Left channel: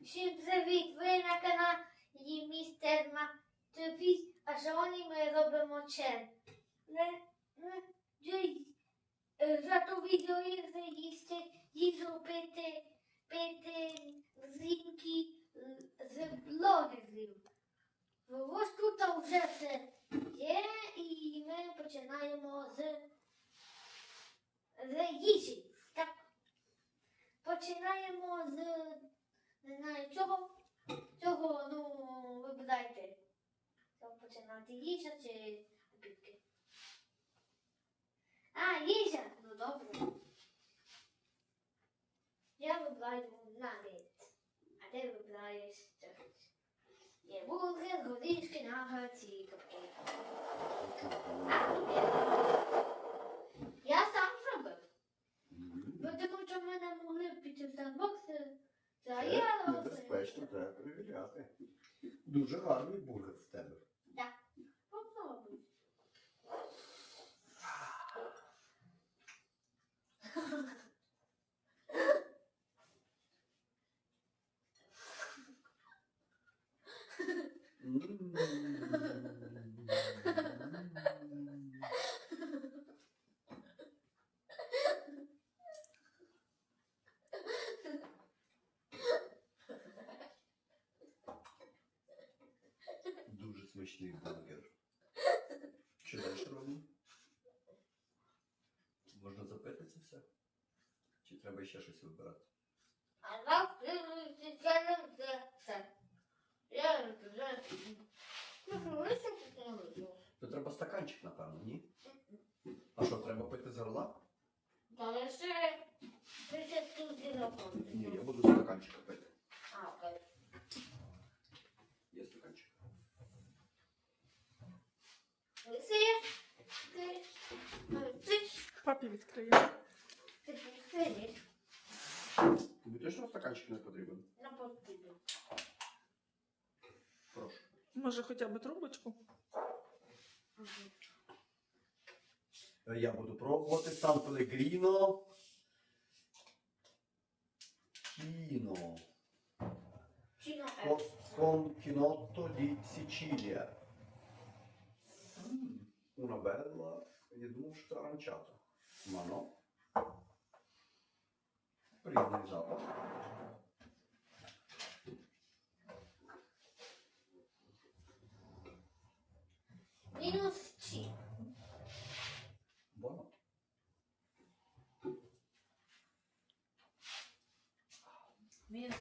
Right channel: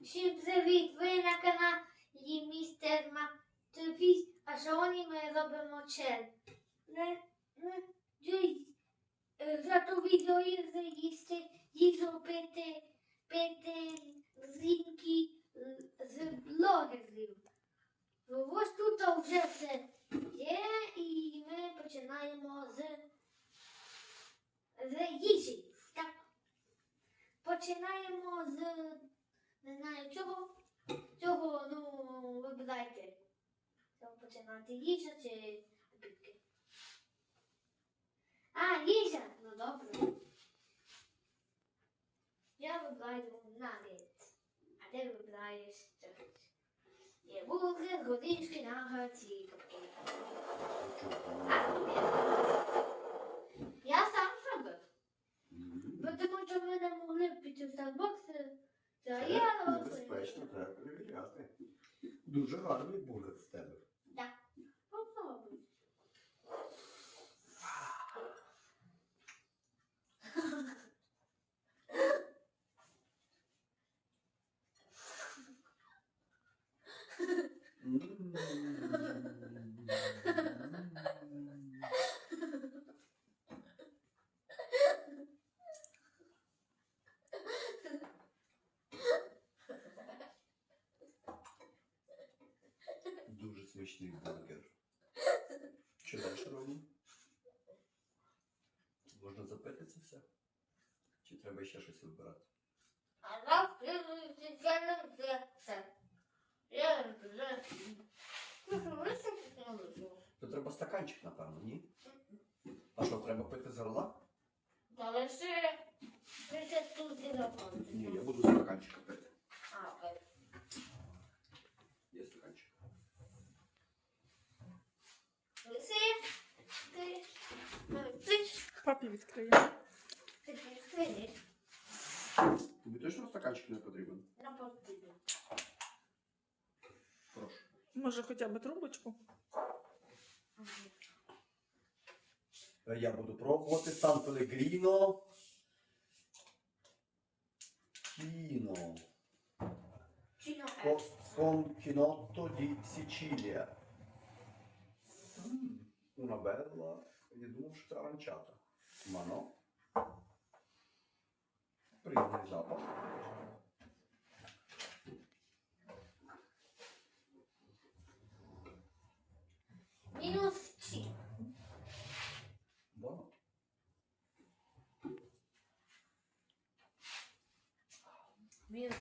Всім привіт! Ви на каналі Містер Матвій, а сьогодні ми робимо дивіться, е, за ту відео їсти, їжу пити, пити зрінки з блогерів. Ось тут вже все є, і ми починаємо з, з їжі. Так. Починаємо з не знаю чого. Цього, ну, вибирайте. Що починати їжа чи обідки. А, їжа! Ну добре. Я вибираю нагетс. А ти вибираєш щось. Є бургер, горішки, нагетс і капкейк. А, Я сам зробив. Бо тому що ми не могли піти в Starbucks, та я Небезпечно, треба перевіряти. Дуже гарний бургер в тебе. Смачний бургер. Що далі робимо? Можна запити це все? Чи треба ще щось вибирати? А То треба стаканчик, напевно, ні? А що, треба пити з горла? Та лише тут Ні, я буду стаканчик пити. А, окей. Є стаканчик. Лише ти ну, ти Папі відкриє. ти відкриєш Тобі точно стаканчик не потрібен? на потрібно. Прошу. Може, хоча б трубочку? Е, Я буду пробувати Сан Пелегріно. Кіно. Чіно Con, chinotto di Sicilia. Mm, Una bella, я думав, що це ma no. Prima esatto.